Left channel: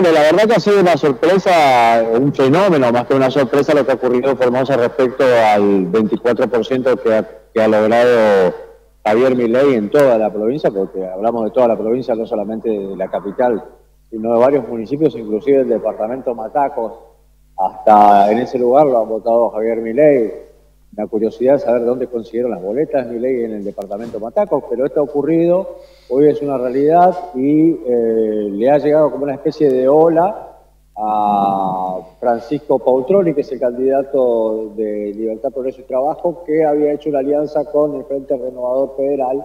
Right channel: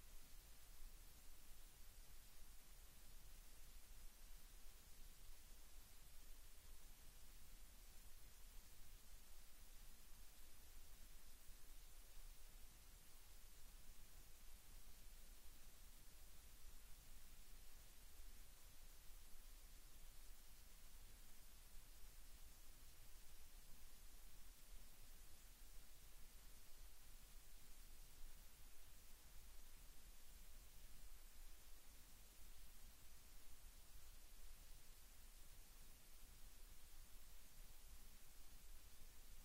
Bueno, la verdad que ha sido una sorpresa, un fenómeno, más que una sorpresa, lo que ha ocurrido en Formosa respecto al 24% que ha logrado Javier Milei en toda la provincia, porque hablamos de toda la provincia, no solamente de la capital, sino de varios municipios, inclusive el departamento Mataco. Hasta en ese lugar lo han votado Javier Milei. La curiosidad es saber dónde consiguieron las boletas Milei en el departamento Mataco, pero esto ha ocurrido, hoy es una realidad y le ha llegado como una especie de ola a Francisco Pautroni, que es el candidato de Libertad, Progreso y Trabajo, que había hecho una alianza con el Frente Renovador Federal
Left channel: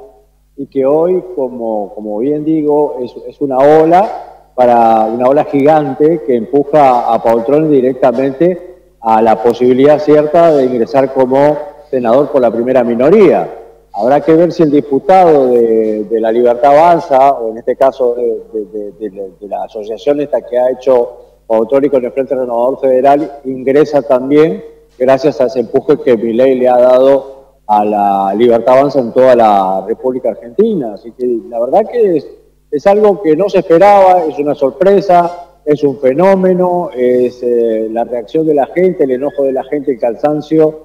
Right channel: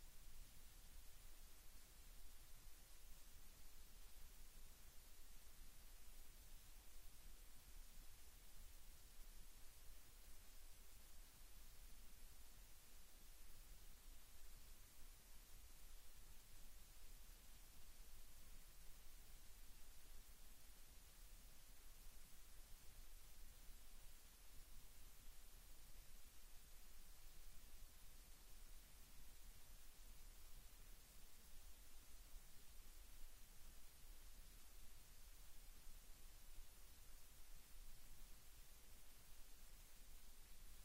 y que hoy, como bien digo, es una ola gigante que empuja a Pautroni directamente a la posibilidad cierta de ingresar como senador por la primera minoría. Habrá que ver si el diputado de la Libertad Avanza, o en este caso de la asociación esta que ha hecho Pautroni con el Frente Renovador Federal, ingresa también gracias a ese empuje que Milei le ha dado a la Libertad Avanza en toda la República Argentina. Así que la verdad que es algo que no se esperaba, es una sorpresa, es un fenómeno, es la reacción de la gente, el enojo de la gente, el cansancio,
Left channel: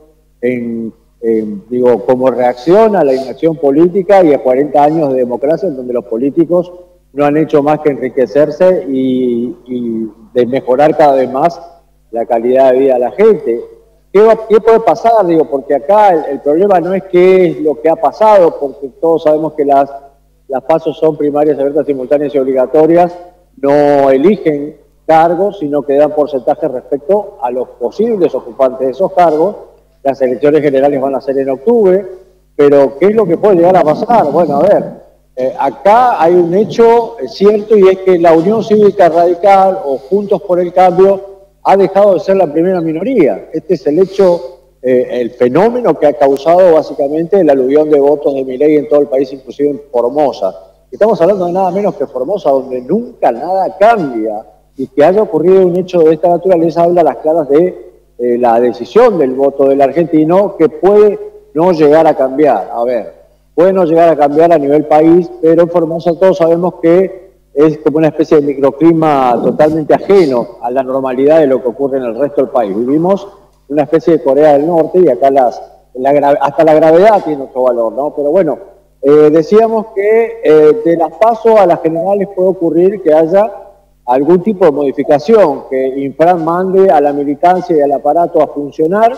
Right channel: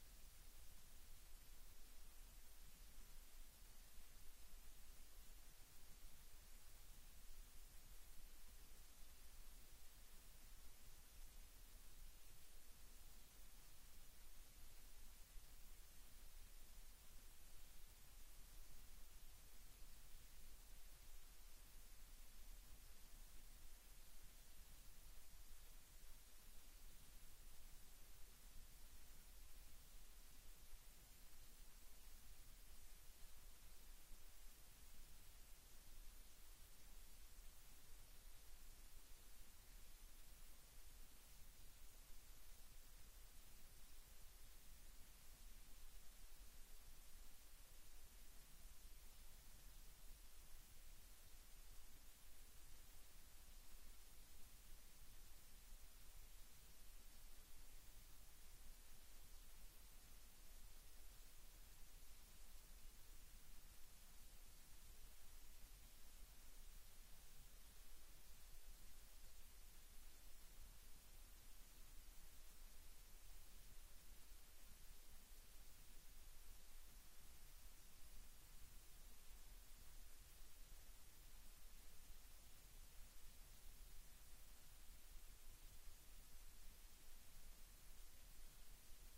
cómo reacciona a la inacción política y a 40 años de democracia en donde los políticos no han hecho más que enriquecerse y de mejorar cada vez más la calidad de vida de la gente. ¿Qué puede pasar? Porque acá el problema no es qué es lo que ha pasado, porque todos sabemos que las pasos son primarias, abiertas, simultáneas y obligatorias, no eligen cargos, sino que dan porcentajes respecto a los posibles ocupantes de esos cargos. Las elecciones generales van a ser en octubre, pero ¿qué es lo que puede llegar a pasar? Bueno, a ver, acá hay un hecho cierto y es que la Unión Cívica Radical o Juntos por el Cambio ha dejado de ser la primera minoría. Este es el hecho, el fenómeno que ha causado básicamente el aluvión de votos de Milei en todo el país, inclusive en Formosa. Estamos hablando de nada menos que Formosa, donde nunca nada cambia, y que haya ocurrido un hecho de esta naturaleza habla a las claras de la decisión del voto del argentino, que puede no llegar a cambiar. A ver, puede no llegar a cambiar a nivel país, pero en Formosa todos sabemos que es como una especie de microclima totalmente ajeno a la normalidad de lo que ocurre en el resto del país. Vivimos una especie de Corea del Norte y acá hasta la gravedad tiene otro valor, ¿no? Pero bueno, decíamos que de las PASO a las generales puede ocurrir que haya algún tipo de modificación, que Infran mande a la militancia y al aparato a funcionar.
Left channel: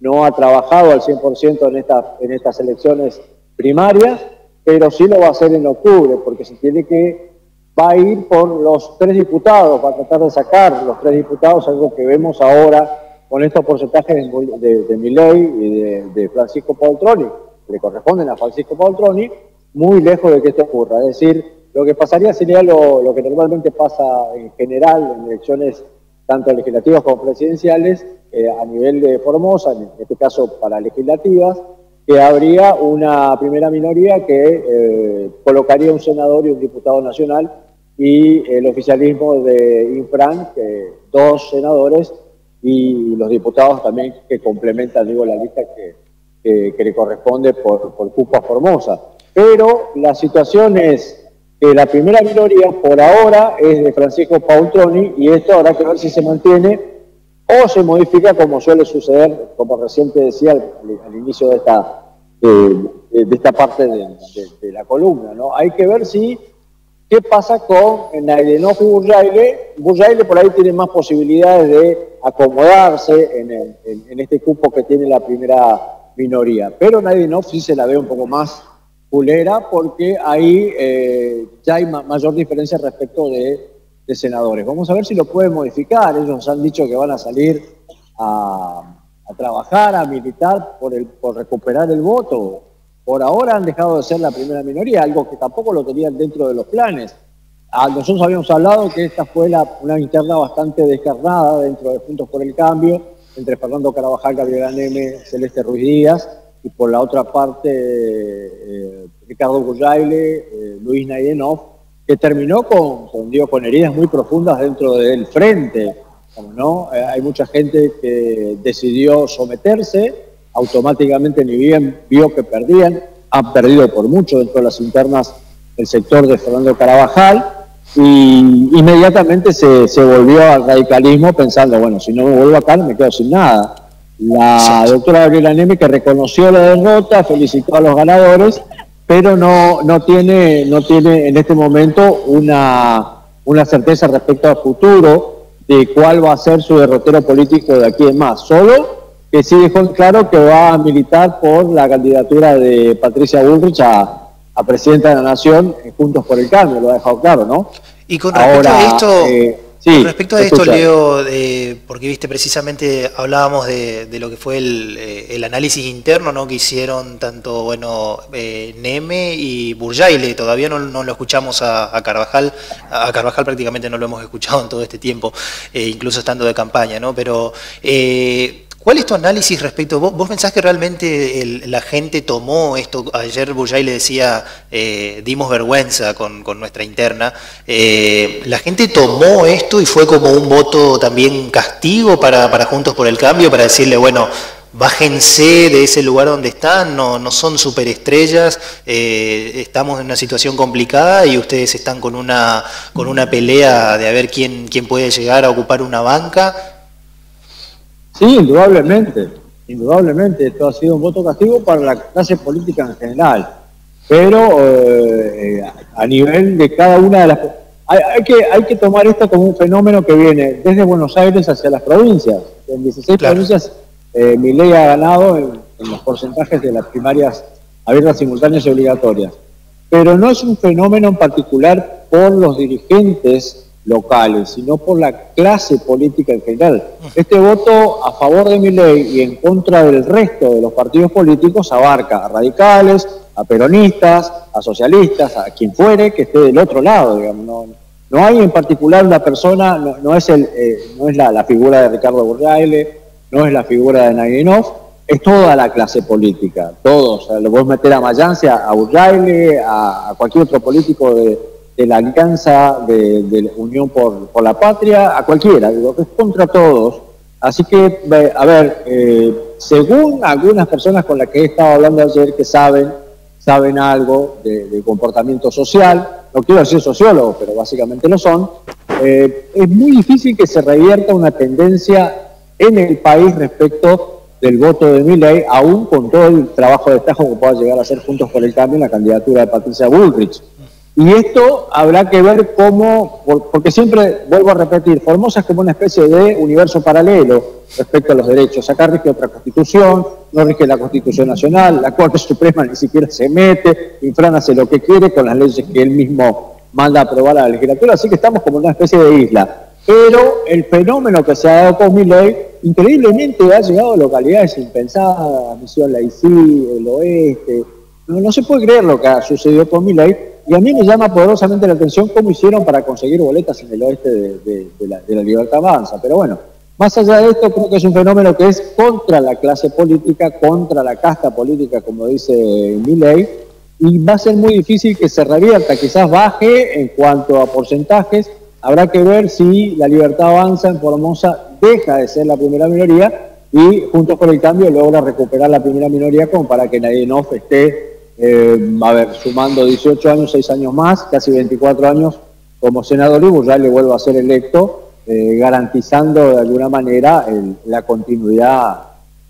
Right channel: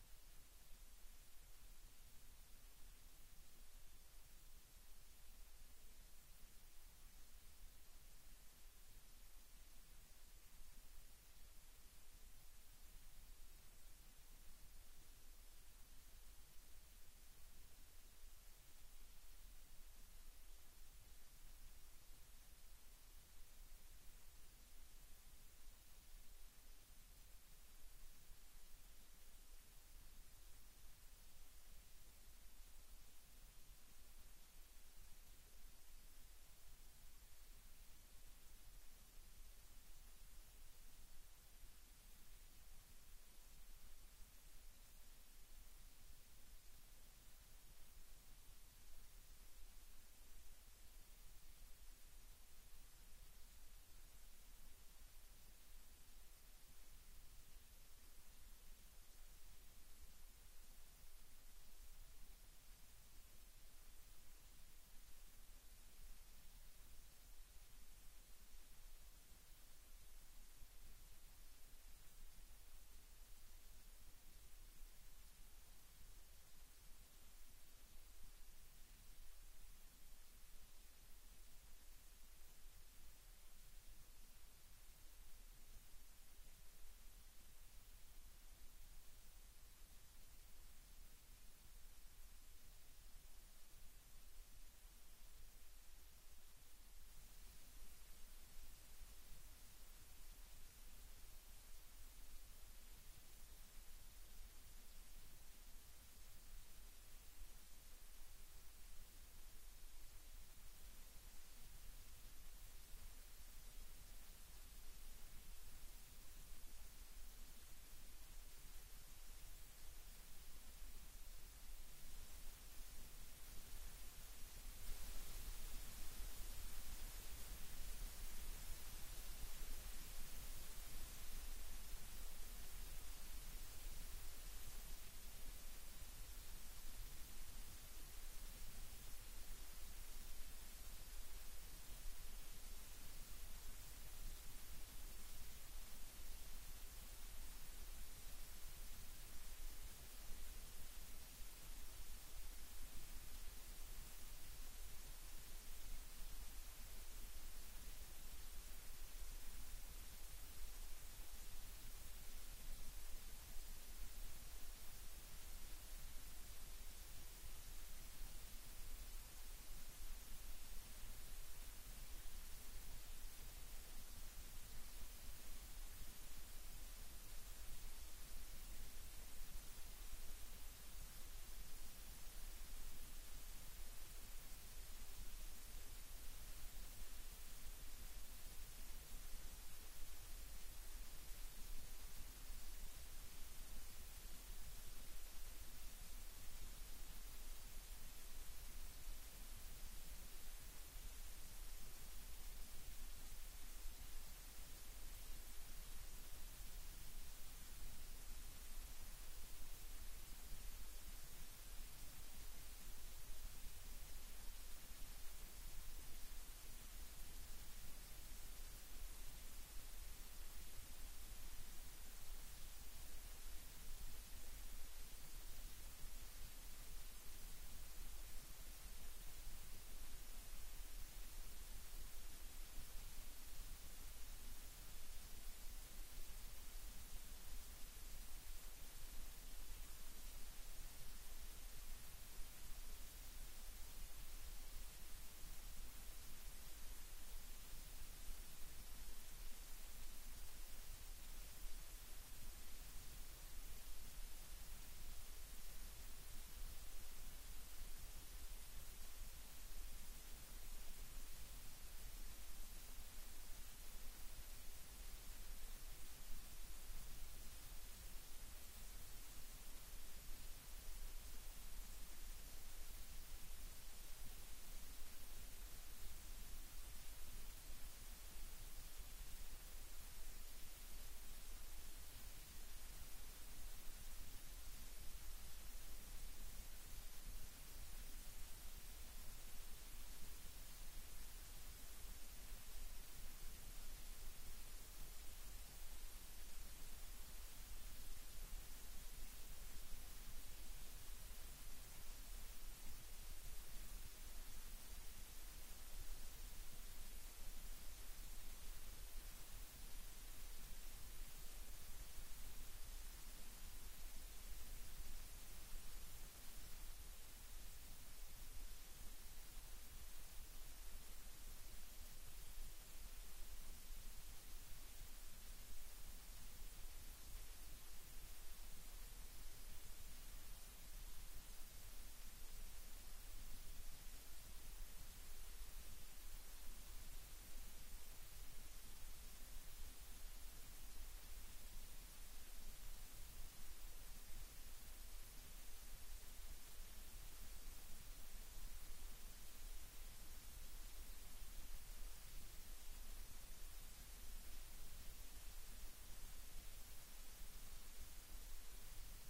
No ha trabajado al 100% en estas elecciones primarias, pero sí lo va a hacer en octubre, porque se tiene que va a ir por los 3 diputados, va a tratar de sacar los 3 diputados, algo que vemos ahora con estos porcentajes de Milei y de Francisco Pautroni, que le corresponden a Francisco Pautroni, muy lejos de que esto ocurra. Es decir, lo que pasaría sería lo que normalmente pasa en general en elecciones tanto legislativas como presidenciales, a nivel de Formosa, en este caso para legislativas, que habría una primera minoría que colocaría un senador y un diputado nacional, y el oficialismo de Infran, 2 senadores, y los diputados también que complementan, la lista que le corresponde por cupo a Formosa. Pero la situación es que la primera minoría por ahora es de Francisco Pautroni, y esto habrá que ver si se mantiene o se modifica, como suele suceder, como recién te decía al inicio de esta parte de la columna, ¿no? Hay que ver qué pasa con Naidenow y Burjaile. Burjaile por ahí tiene más posibilidades de acomodarse en este cupo que tiene la primera minoría, pero Naidenow sí se la ve un poco más pulera, porque ahí ya hay mayor diferencia respecto de senadores. Vamos a ver si lo pueden modificar. Ellos han dicho que van a salir a trabajar, a militar por recuperar el voto. Por ahora han dejado de ser la primera minoría, algo que tampoco lo tenían dentro de los planes. Nosotros habíamos hablado que esta fue una interna bastante descarnada dentro de Juntos por el Cambio, entre Fernando Carabajal, Gabriela Neme, Celeste Ruiz Díaz, y por la otra parte Ricardo Burjaile, Luis Naidenow, que terminó con heridas muy profundas dentro del frente, ¿no? Hay mucha gente que decidió someterse, automáticamente ni bien vio que perdían, han perdido por mucho dentro de las internas el sector de Fernando Carabajal, y inmediatamente se volvió al radicalismo pensando, bueno, si no me vuelvo acá no me quedo sin nada. La Exacto. doctora Gabriela Neme, que reconoció la derrota, felicitó a los ganadores, pero no tiene en este momento una certeza respecto al futuro de cuál va a ser su derrotero político de aquí en más. Solo que sí dejó en claro que va a militar por la candidatura de Patricia Bullrich a presidenta de la Nación, Juntos por el Cambio, lo ha dejado claro, ¿no? Y con respecto a Ahora, esto, con sí, respecto a te esto, escucho. Leo, porque viste, precisamente hablábamos de lo que fue el análisis interno, ¿no? Que hicieron tanto, bueno, Neme y Burjaile. Todavía no lo escuchamos a Carvajal. A Carvajal prácticamente no lo hemos escuchado en todo este tiempo, incluso estando de campaña, ¿no? Pero ¿cuál es tu análisis respecto? ¿Vos pensás que realmente la gente tomó esto? Ayer Burjaile decía, dimos vergüenza con nuestra interna. ¿La gente tomó esto y fue como un voto también castigo para Juntos por el Cambio, para decirle, bueno, bájense de ese lugar donde están, no son superestrellas, estamos en una situación complicada y ustedes están con una pelea de a ver quién puede llegar a ocupar una banca? Sí, indudablemente, esto ha sido un voto castigo para la clase política en general, pero a nivel de cada una de las... Hay que tomar esto como un fenómeno que viene desde Buenos Aires hacia las provincias. En 16 Claro. provincias Milei ha ganado en los porcentajes de las primarias abiertas, simultáneas y obligatorias. Pero no es un fenómeno en particular por los dirigentes locales, sino por la clase política en general. Este voto a favor de Milei y en contra del resto de los partidos políticos abarca a radicales, a peronistas, a socialistas, a quien fuere que esté del otro lado, digamos. No hay en particular una persona, no es la figura de Ricardo Burjaile, no es la figura de Naginov, es toda la clase política, todos. O sea, lo podés meter a Mayance, a Burjaile, a cualquier otro político de la Alianza de Unión por la Patria, a cualquiera, digo, que es contra todos. Así que, a ver, según algunas personas con las que he estado hablando ayer que saben algo de comportamiento social, no quiero decir sociólogos, pero básicamente lo son, es muy difícil que se revierta una tendencia en el país respecto del voto de Milei, aún con todo el trabajo de destajo que pueda llegar a hacer Juntos por el Cambio en la candidatura de Patricia Bullrich. Y esto habrá que ver cómo, porque siempre, vuelvo a repetir, Formosa es como una especie de universo paralelo respecto a los derechos. Acá rige otra constitución, no rige la Constitución Nacional, la Corte Suprema ni siquiera se mete, Infran hace lo que quiere con las leyes que él mismo manda a aprobar a la legislatura, así que estamos como en una especie de isla. Pero el fenómeno que se ha dado con Milei, increíblemente ha llegado a localidades impensadas, Misión Laicí, el oeste. No se puede creer lo que ha sucedido con Milei, y a mí me llama poderosamente la atención cómo hicieron para conseguir boletas en el oeste de la Libertad Avanza. Pero bueno, más allá de esto, creo que es un fenómeno que es contra la clase política, contra la casta política, como dice Milei, y va a ser muy difícil que se revierta, quizás baje en cuanto a porcentajes. Habrá que ver si la Libertad Avanza en Formosa deja de ser la primera minoría y Juntos por el Cambio logra recuperar la primera minoría como para que Naginov esté, sumando 18 años, 6 años más, casi 24 años como senador, y Burjaile vuelva a ser electo, garantizando de alguna manera la continuidad,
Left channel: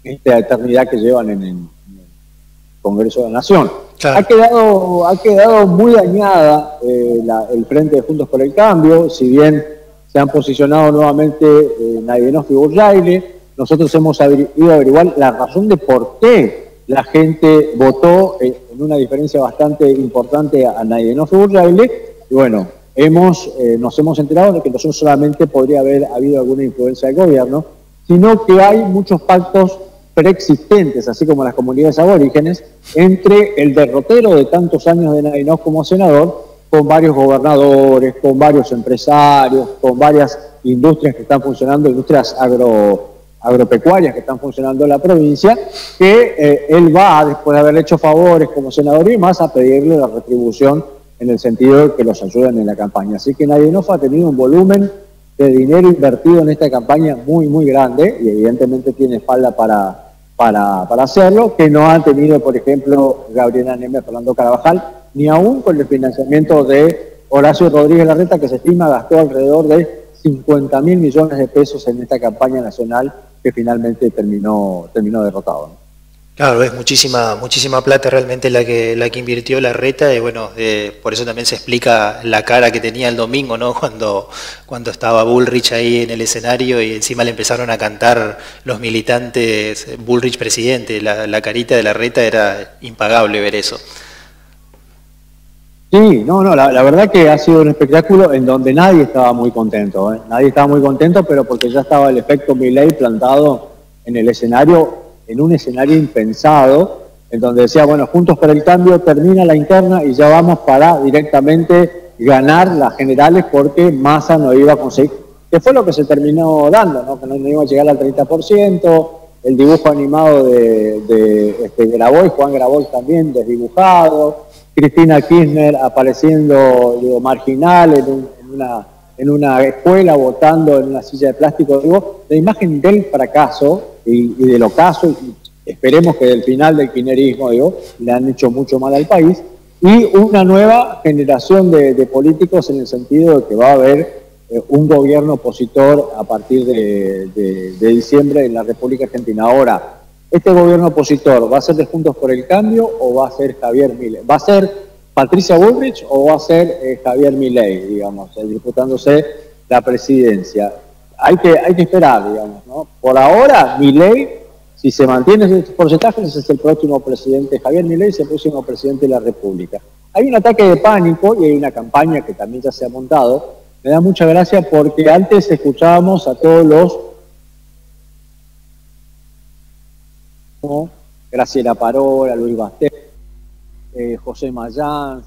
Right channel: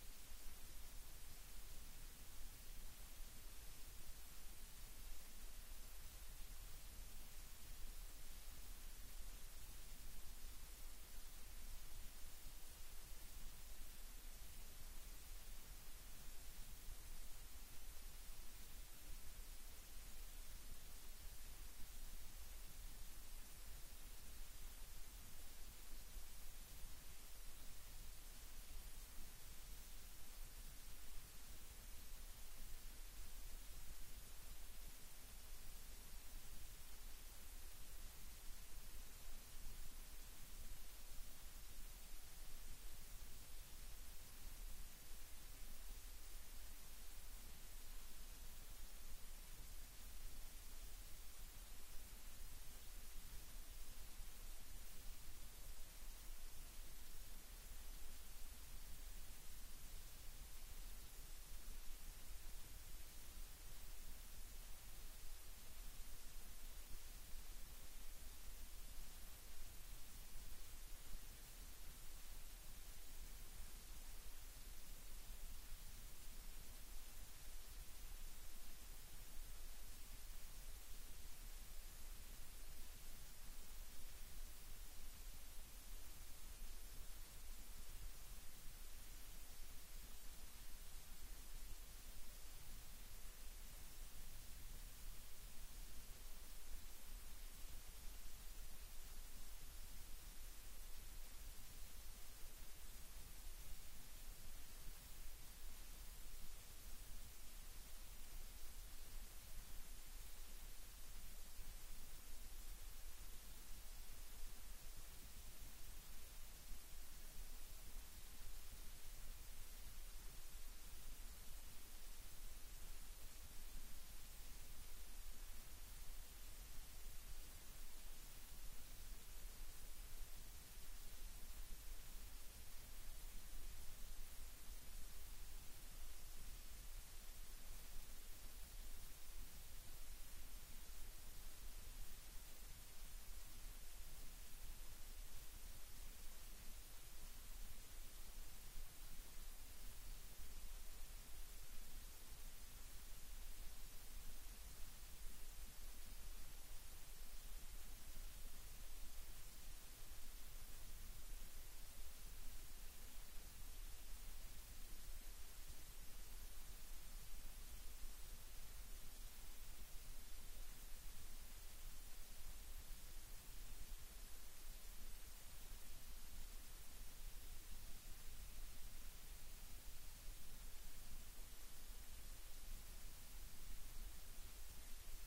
esta eternidad que llevan en el Congreso de la Nación. Claro. Ha quedado muy dañada el Frente de Juntos por el Cambio, si bien se han posicionado nuevamente Naginov y Burjaile. Nosotros hemos ido a averiguar la razón de por qué la gente votó en una diferencia bastante importante a Naginov y Burjaile, y bueno, nos hemos enterado de que no solamente podría haber habido alguna influencia del gobierno, sino que hay muchos pactos preexistentes, así como las comunidades aborígenes, entre el derrotero de tantos años de Naginov como senador, con varios gobernadores, con varios empresarios, con varias industrias que están funcionando, industrias agropecuarias que están funcionando en la provincia, que él va, después de haber hecho favores como senador y más, a pedirle la retribución en el sentido de que los ayuden en la campaña. Así que Naginov ha tenido un volumen de dinero invertido en esta campaña muy, muy grande, y evidentemente tiene espalda para hacerlo, que no han tenido, por ejemplo, Gabriela Neme, Fernando Carvajal, ni aún con el financiamiento de Horacio Rodríguez Larreta, que se estima gastó alrededor de 50.000 millones de pesos en esta campaña nacional que finalmente terminó derrotado, ¿no? Claro, es muchísima plata realmente la que invirtió Larreta y bueno, por eso también se explica la cara que tenía el domingo, ¿no? Cuando estaba Bullrich ahí en el escenario y encima le empezaron a cantar los militantes Bullrich presidente, la carita de Larreta era impagable ver eso. Sí, la verdad que ha sido un espectáculo en donde nadie estaba muy contento, ¿eh? Nadie estaba muy contento, pero porque ya estaba el efecto Milei plantado en el escenario, en un escenario impensado, en donde decía, bueno, Juntos por el Cambio termina la interna y ya vamos para directamente ganar las generales porque Massa no iba a conseguir, que fue lo que se terminó dando, ¿no? Que no iba a llegar al 30%, el dibujo animado de Grabois, Juan Grabois también desdibujado, Cristina Kirchner apareciendo, digo, marginal en una escuela, votando en una silla de plástico. Digo, la imagen del fracaso y del ocaso, y esperemos que del final del kirchnerismo, digo, le han hecho mucho mal al país, y una nueva generación de políticos en el sentido de que va a haber un gobierno opositor a partir de diciembre en la República Argentina. Ahora, ¿este gobierno opositor va a ser de Juntos por el Cambio o va a ser Javier Milei? ¿Va a ser Patricia Bullrich o va a ser Javier Milei, digamos, disputándose la presidencia? Hay que esperar, digamos, ¿no? Por ahora, Milei, si se mantiene esos porcentajes, es el próximo presidente. Javier Milei es el próximo presidente de la República. Hay un ataque de pánico y hay una campaña que también ya se ha montado. Me da mucha gracia porque antes escuchábamos a todos los Graciela Parola, Luis Basté, José Mayans,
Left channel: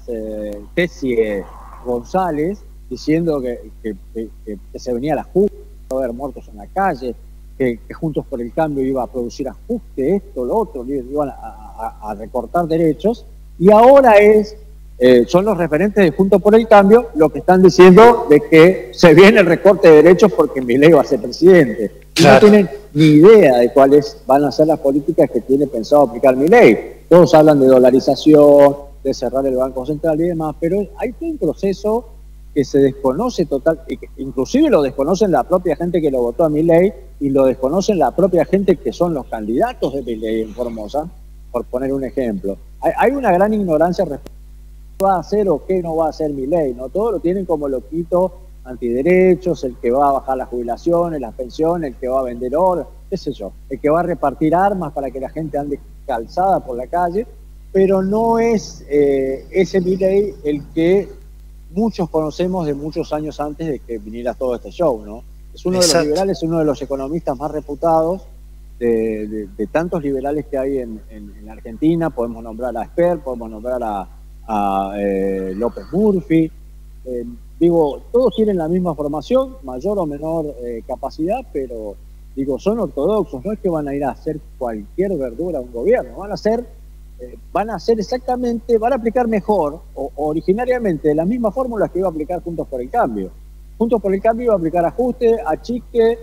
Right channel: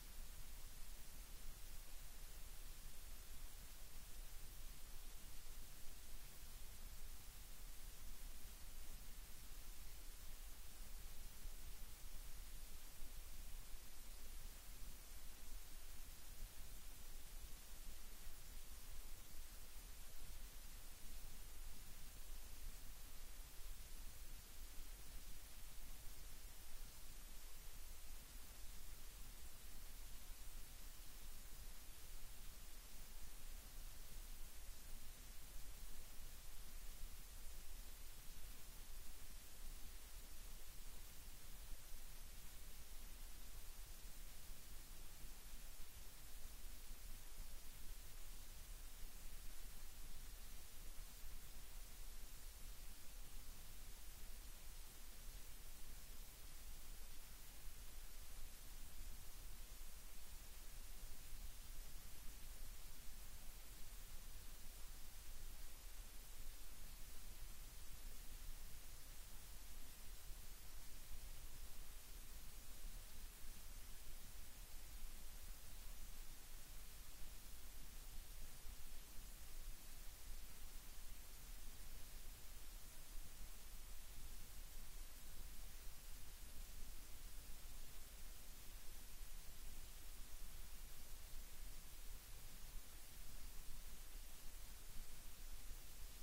Tessie González, diciendo que se venía el ajuste, iba a haber muertos en la calle, que Juntos por el Cambio iba a producir ajuste, esto, lo otro, iban a recortar derechos, y ahora son los referentes de Juntos por el Cambio los que están diciendo de que se viene el recorte de derechos porque Milei va a ser presidente. Claro. No tienen ni idea de cuáles van a ser las políticas que tiene pensado aplicar Milei. Todos hablan de dolarización, de cerrar el Banco Central y demás, pero hay todo un proceso que se desconoce total, inclusive lo desconocen la propia gente que lo votó a Milei y lo desconocen la propia gente que son los candidatos de Milei en Formosa, por poner un ejemplo. Hay una gran ignorancia respecto va a hacer o qué no va a hacer Milei, ¿no? Todo lo tienen como loquito antiderechos, el que va a bajar las jubilaciones, las pensiones, el que va a vender oro, qué sé yo, el que va a repartir armas para que la gente ande calzada por la calle, pero no es ese Milei el que muchos conocemos de muchos años antes de que viniera todo este show, ¿no? Es uno de los liberales, uno de los economistas más reputados de tantos liberales que hay en Argentina. Podemos nombrar a Esper, podemos nombrar a López Murphy, digo, todos tienen la misma formación, mayor o menor capacidad, pero digo, son ortodoxos, no es que van a ir a hacer cualquier verdura a un gobierno, van a hacer exactamente, van a aplicar mejor, o originariamente, de las mismas fórmulas que iba a aplicar Juntos por el Cambio. Juntos por el Cambio iba a aplicar ajuste, achique,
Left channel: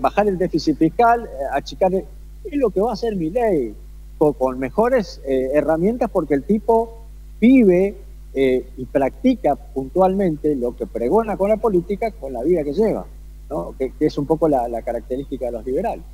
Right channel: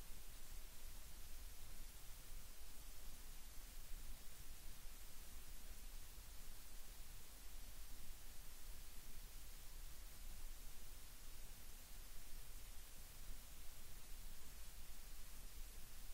bajar el déficit fiscal, achicar, es lo que va a hacer Milei, con mejores herramientas, porque el tipo vive y practica puntualmente lo que pregona con la política, con la vida que lleva, ¿no? Que es un poco la característica de los liberales.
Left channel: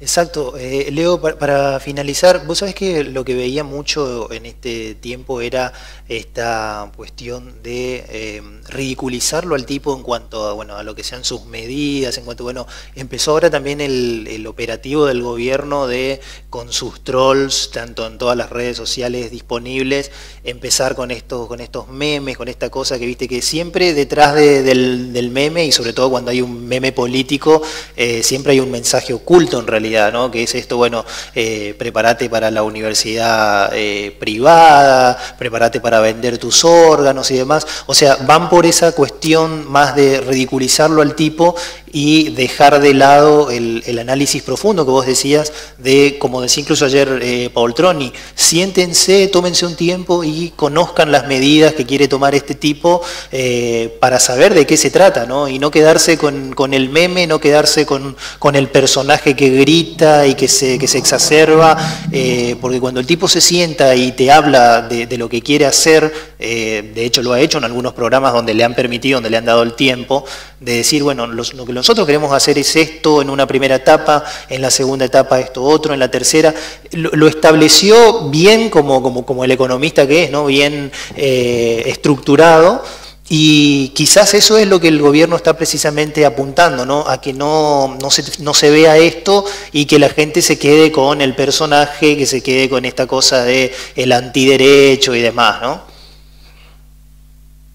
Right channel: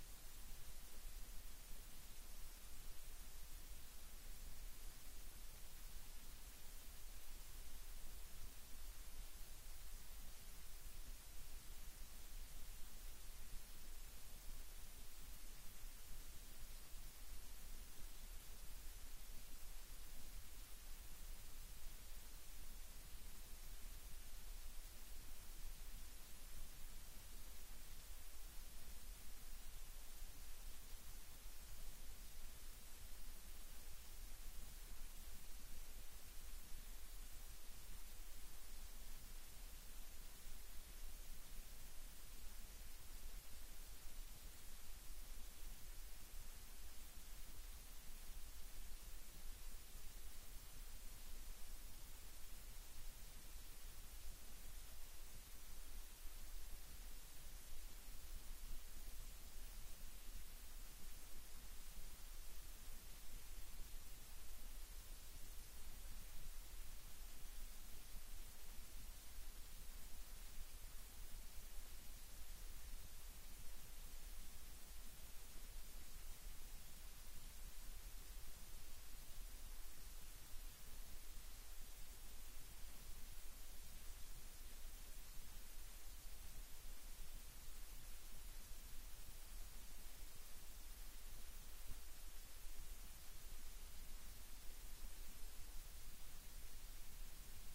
Exacto. Leo, para finalizar, vos sabés que lo que veía mucho en este tiempo era esta cuestión de ridiculizarlo al tipo en cuanto a, bueno, a lo que sean sus medidas, en cuanto, bueno, empezó ahora también el operativo del gobierno de, con sus trolls, tanto en todas las redes sociales disponibles, empezar con estos memes, con esta cosa que viste que siempre detrás del meme, y sobre todo cuando hay un meme político, siempre hay un mensaje oculto en realidad, ¿no? Que es esto, bueno, prepárate para la universidad privada, prepárate para vender tus órganos y demás. O sea, van por esa cuestión más de ridiculizarlo al tipo y dejar de lado el análisis profundo que vos decías de, como decía incluso ayer Paul Troni, siéntense, tómense un tiempo y conozcan las medidas que quiere tomar este tipo para saber de qué se trata, ¿no? Y no quedarse con el meme, no quedarse con el personaje que grita y que se exacerba, porque cuando el tipo se sienta y te habla de lo que quiere hacer, de hecho lo ha hecho en algunos programas donde le han permitido, donde le han dado el tiempo, de decir, bueno, lo que nosotros queremos hacer es esto en una primera etapa, en la segunda etapa esto otro, en la tercera, lo estableció bien como el economista que es, ¿no? Bien estructurado. Y quizás eso es lo que el gobierno está precisamente apuntando, ¿no? A que no se vea esto y que la gente se quede con el personaje, que se quede con esta cosa de el antiderecho y demás, ¿no?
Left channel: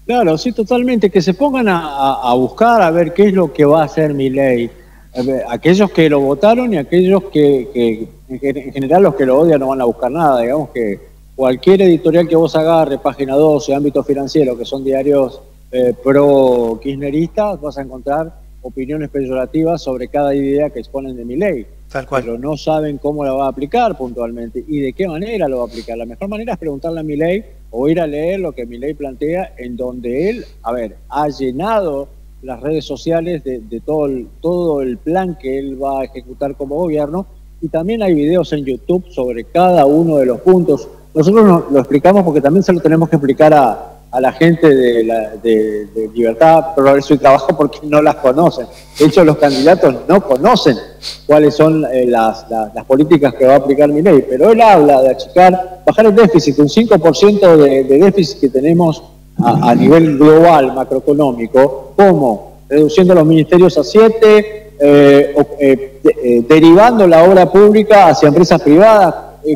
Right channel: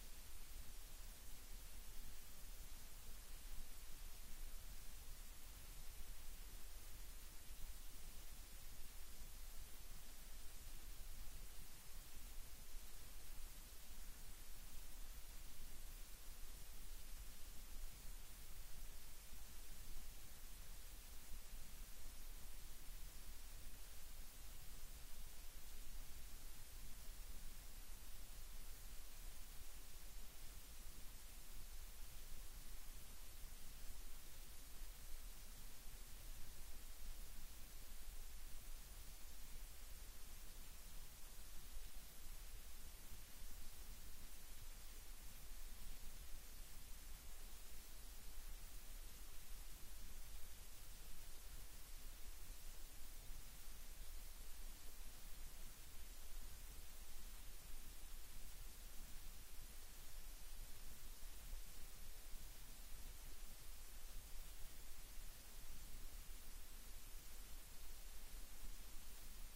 Claro, sí, totalmente, que se pongan a buscar a ver qué es lo que va a hacer Milei. Aquellos que lo votaron y aquellos que en general los que lo odian no van a buscar nada. Digamos que cualquier editorial que vos agarre, Página 12, Ámbito Financiero, que son diarios pro-kirchneristas, vas a encontrar opiniones peyorativas sobre cada idea que exponen de Milei. Tal cual. Pero no saben cómo la va a aplicar puntualmente y de qué manera lo va a aplicar. La mejor manera es preguntarle a Milei o ir a leer lo que Milei plantea, en donde él, ha llenado las redes sociales de todo el plan que él va a ejecutar como gobierno, y también hay videos en YouTube sobre cada uno de los puntos. Nosotros lo explicamos porque también se lo tenemos que explicar a la gente de Libertad, Progreso y Trabajo, porque no las conocen. De hecho, los candidatos no conocen cuáles son las políticas que va a aplicar Milei, pero él habla de bajar el déficit, un 5% de déficit que tenemos a nivel global, macroeconómico, ¿cómo? Reduciendo los ministerios a 7, derivando la obra pública hacia empresas privadas.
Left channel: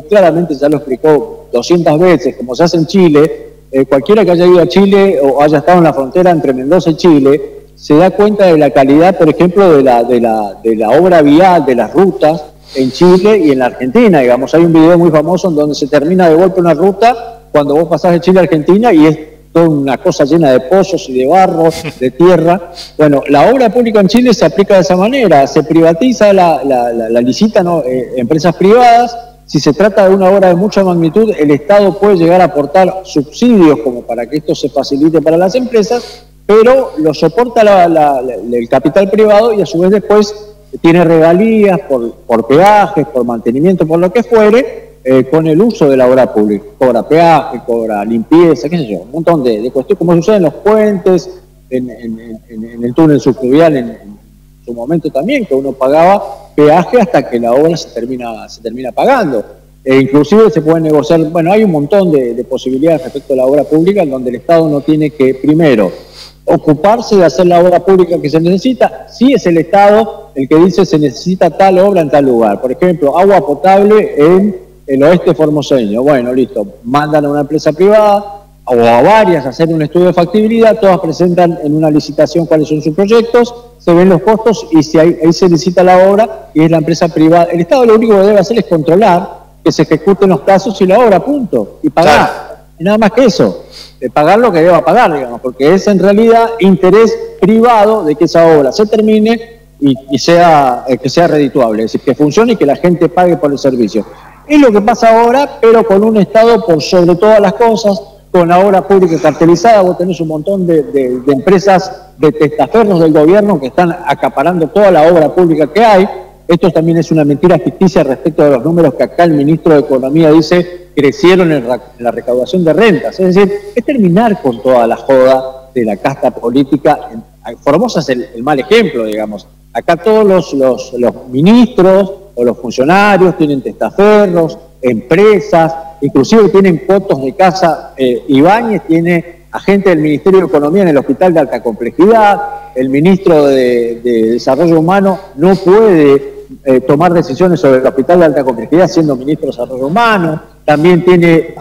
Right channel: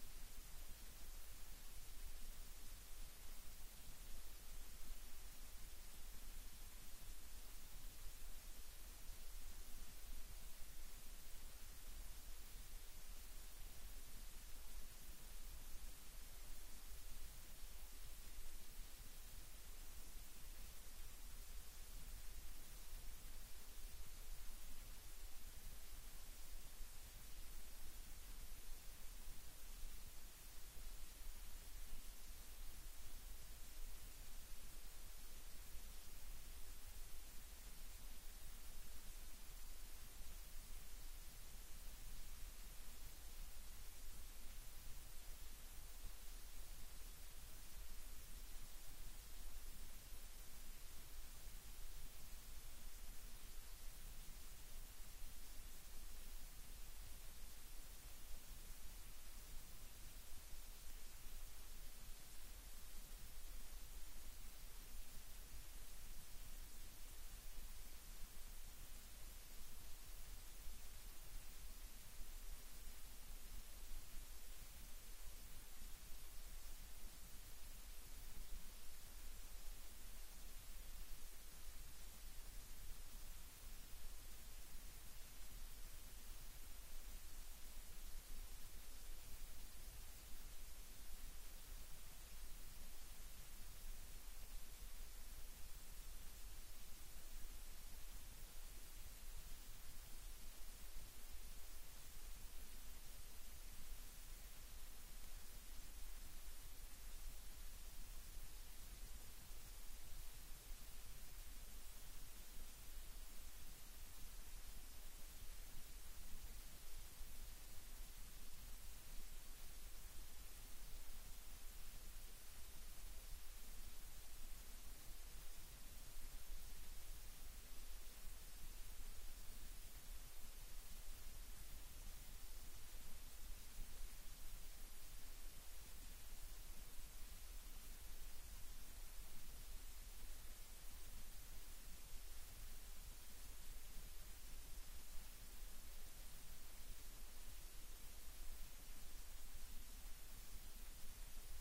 Claramente ya lo explicó 200 veces, como se hace en Chile. Cualquiera que haya ido a Chile o haya estado en la frontera entre Mendoza y Chile se da cuenta de la calidad, por ejemplo, de la obra vial, de las rutas en Chile y en la Argentina. Digamos, hay un video muy famoso en donde se termina de golpe una ruta cuando vos pasás de Chile a Argentina y es toda una cosa llena de pozos y de barro, de tierra. Bueno, la obra pública en Chile se aplica de esa manera, se privatiza, la licitan, ¿no? Empresas privadas. Si se trata de una obra de mucha magnitud, el Estado puede llegar a aportar subsidios como para que esto se facilite para las empresas, pero lo soporta el capital privado y a su vez después tiene regalías por peajes, por mantenimiento, por lo que fuere, con el uso de la obra pública. Cobra peaje, cobra limpieza, qué sé yo, un montón de cuestiones, como sucede en los puentes, en el túnel subfluvial, en su momento también, que uno pagaba peaje hasta que la obra se termina pagando. Inclusive se puede negociar, bueno, hay un montón de posibilidades respecto a la obra pública en donde el Estado no tiene que, primero, ocuparse de hacer la obra pública que se necesita. Si es el Estado el que dice se necesita tal obra en tal lugar. Por ejemplo, agua potable en el oeste formoseño. Bueno, listo, mandan a una empresa privada o a varias a hacer un estudio de factibilidad, todas presentan en una licitación cuáles son sus proyectos, se ven los costos y si ahí se licita la obra y es la empresa privada. El Estado lo único que debe hacer es controlar que se ejecuten los plazos y la obra, punto, y pagar. Claro. Y nada más que eso, pagar lo que deba pagar, digamos, porque es en realidad interés privado de que esa obra se termine y que sea redituable, es decir, que funcione y que la gente pague por el servicio. Es lo que pasa ahora, pero con un Estado por sobre todas las cosas, con la obra pública cartelizada. Vos tenés un montón de empresas de testaferros del gobierno que están acaparando toda la obra pública que hay. Esto también es una mentira ficticia respecto de los números que acá el ministro de Economía dice crecieron en la recaudación de rentas. Es decir, es terminar con toda la joda de la casta política. Formosa es el mal ejemplo, digamos. Acá todos los ministros o los funcionarios tienen testaferros, empresas, inclusive tienen cotos de casa. Ibáñez tiene agente del Ministerio de Economía en el Hospital de Alta Complejidad. El ministro de Desarrollo Humano no puede tomar decisiones sobre el Hospital de Alta Complejidad siendo ministro de Desarrollo Humano. También tiene,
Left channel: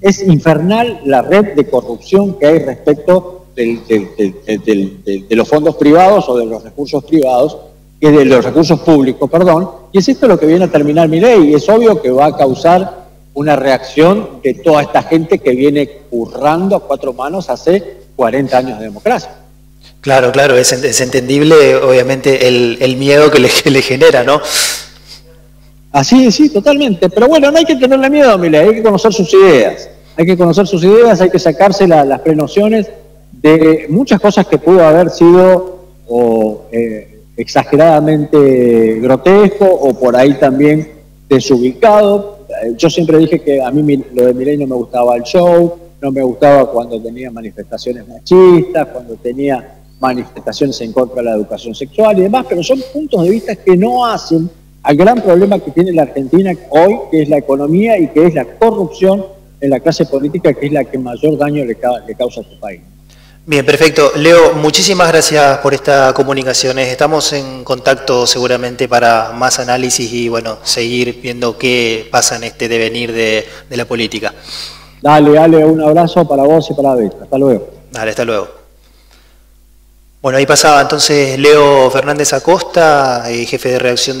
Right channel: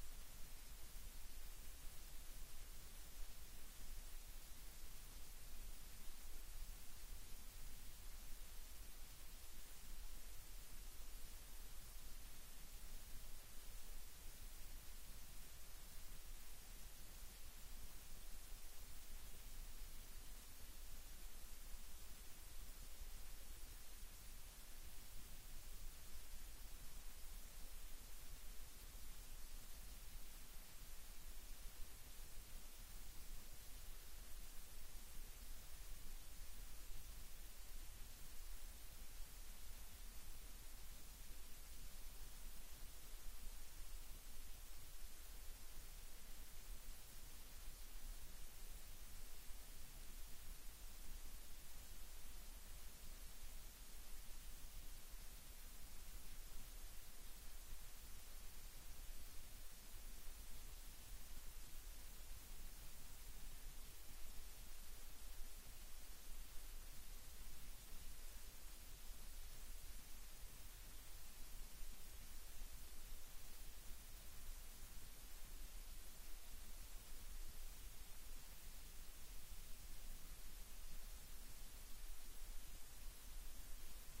es infernal la red de corrupción que hay respecto de los fondos privados o de los recursos privados, de los recursos públicos, perdón, y es esto lo que viene a terminar Milei, y es obvio que va a causar una reacción de toda esta gente que viene currando a cuatro manos hace 40 años de democracia. Claro, claro, es entendible, obviamente, el miedo que le genera, ¿no? Así, sí, totalmente. Pero bueno, no hay que tenerle miedo a Milei, hay que conocer sus ideas. Hay que conocer sus ideas, hay que sacarse las prenociones de muchas cosas que pudo haber sido exageradamente grotesco o por ahí también desubicado. Yo siempre dije que a mí lo de Milei no me gustaba el show, no me gustaba cuando tenía manifestaciones machistas, cuando tenía manifestaciones en contra de la educación sexual y demás, pero son puntos de vista que no hacen al gran problema que tiene la Argentina hoy, que es la economía y que es la corrupción en la clase política, que es la que mayor daño le causa a su país. Bien, perfecto. Leo, muchísimas gracias por esta comunicación. Estamos en contacto seguramente para más análisis y bueno, seguir viendo qué pasa en este devenir de la política. Dale, Ale, un abrazo para vos y para David. Hasta luego. Dale, hasta luego. Bueno, ahí pasaba entonces Leo Fernández Acosta, jefe de redacción de